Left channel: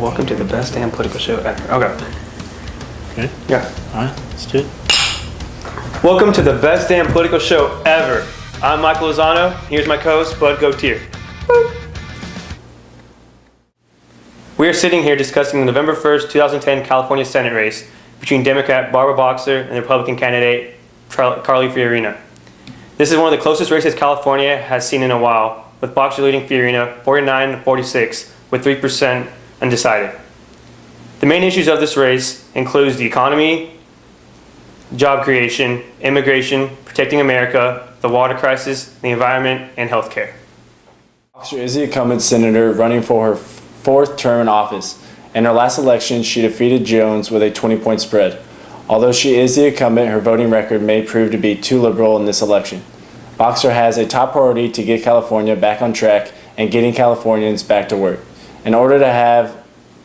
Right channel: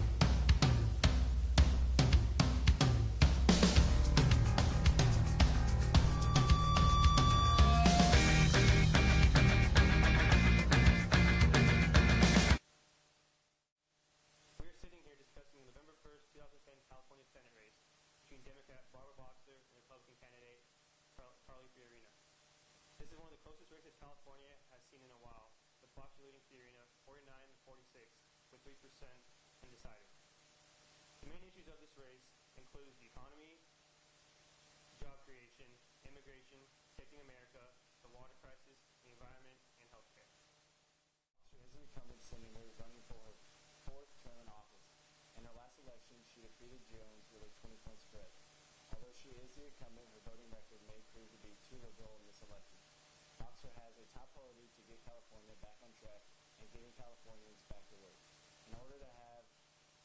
Welcome to the best damn political show ever. Okay. Okay. Yeah. All right, let's do it. Welcome to the best damn political show ever. I'm Michael Lozano. Here's my co-host, Bud Gautier. We are sitting here discussing the November 1st, 2010 California Senate race between Democrat Barbara Boxer and the Republican candidate Carly Fiorina. This is one of the closest races California has seen in a while, with Boxer leading Fiorina 49-46 with 3% undecided. The main issues of this race includes the economy, job creation, immigration, protecting America, the water crisis, the environment, and healthcare. Boxer is the incumbent senator running for her fourth term in office. In her last election, she defeated Jones with a 20-point spread. Although she is the incumbent, her voting record may prove to be too liberal in this election. Boxer has a top priority to get California back on track and getting Californians back to work. In order to have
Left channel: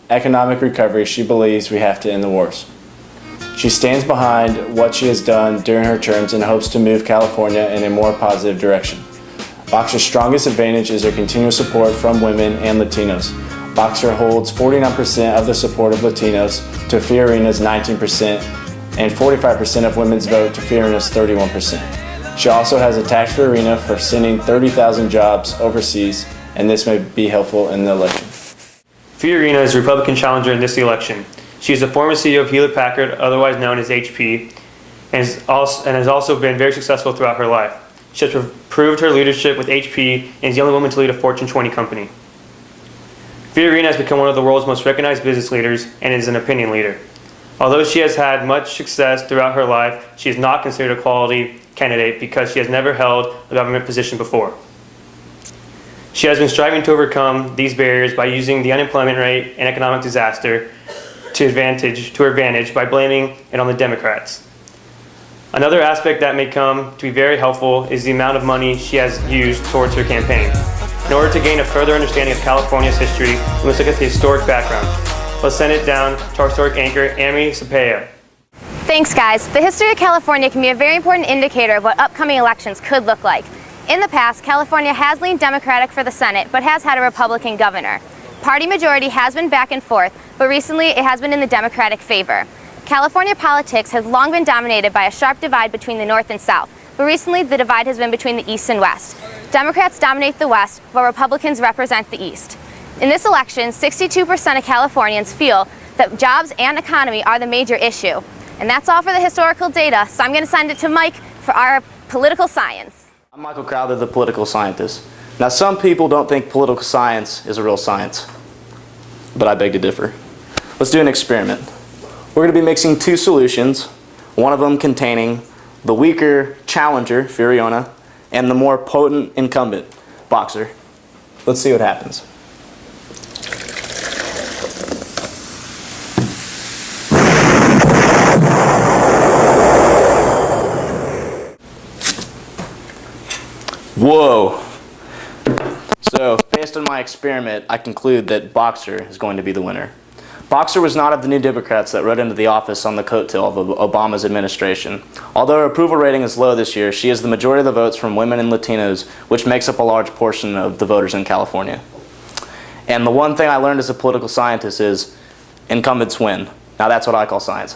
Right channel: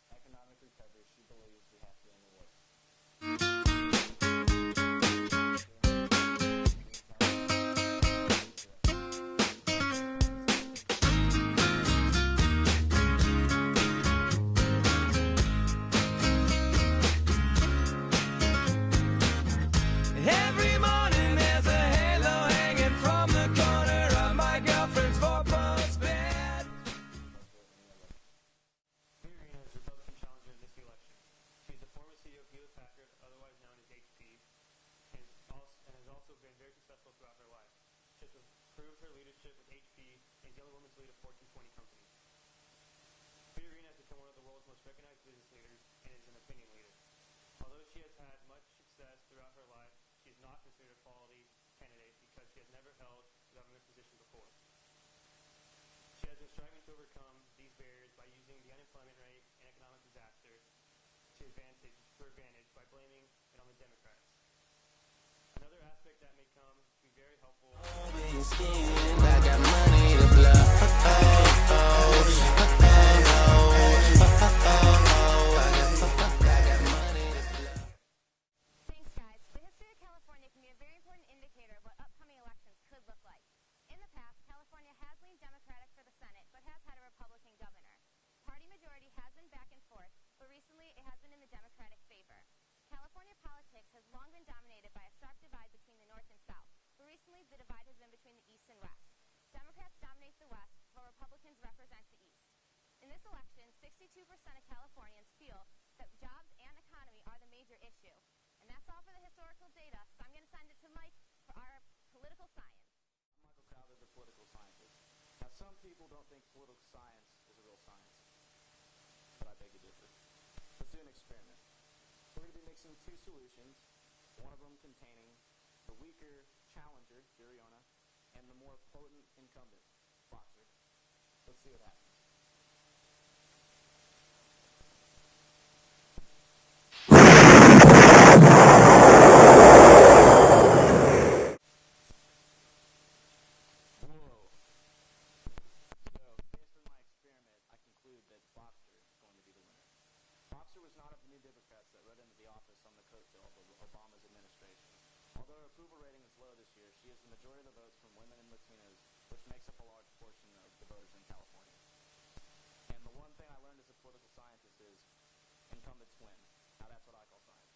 economic recovery, she believes we have to end the wars. She stands behind what she has done during her terms and hopes to move California in a more positive direction. Boxer's strongest advantage is her continual support from women and Latinos. Boxer holds 49% of the support of Latinos to Fiorina's 19% and 45% of women's vote to Fiorina's 31%. She also has attacked Fiorina for sending 30,000 jobs overseas, and this may be helpful in the election. Fiorina is a Republican challenger in this election. She is the former CEO of Hewlett-Packard, otherwise known as HP, and has also been very successful throughout her life. She has proved her leadership with HP and is the only woman to lead a Fortune 20 company. Fiorina has become one of the world's most recognized business leaders and is an opinion leader. Although she has had much success throughout her life, she is not considered a quality candidate because she has never held a government position before. She has been striving to overcome these barriers by using the unemployment rate and economic disaster to her advantage by blaming it on the Democrats. Another aspect that may come to be very helpful is the amount of money she has used towards her campaign. In order to gain a further understanding of California's history, we must look at the historic background. Let's send it down to our historic anchor, Amy Cepeda. Thanks, guys. The history of California can be a very important indicator of what upcoming elections could look like. In the past, California has leaned Democratic for the Senate, but has had a Republican governor. Party majority has been back and forth, but recently it has been in the Democratic favor. California politics has long been dominated by a sharp divide between the North and South, but recently the divide has been between the East and West. Democrats dominate the West, while Republicans represent the East. In this election, 62% of Californians feel that jobs and economy are the major issue. And that's all for the historical data, so I'm going to send it to Mike for our political science. I'm Michael Crowther, the political scientist. Now, some people don't think political science is a real science, but I beg to differ. Let's do an experiment. We're going to be mixing two solutions, one of them containing the weaker challenger, Fiorina, and the more potent incumbent, Boxer. Let's see what happens. Whoa. So, based on my experiment, I conclude that Boxer is going to be the winner. Boxer was not of the New Democrats that rode into the office on the coattail of Obama's administration. Although her approval rating is low this year, she has the majority of the votes from women and Latinos, which makes up a large portion of the voters in California. And the one thing I learned as a political scientist is incumbents win. Now that's what I call science.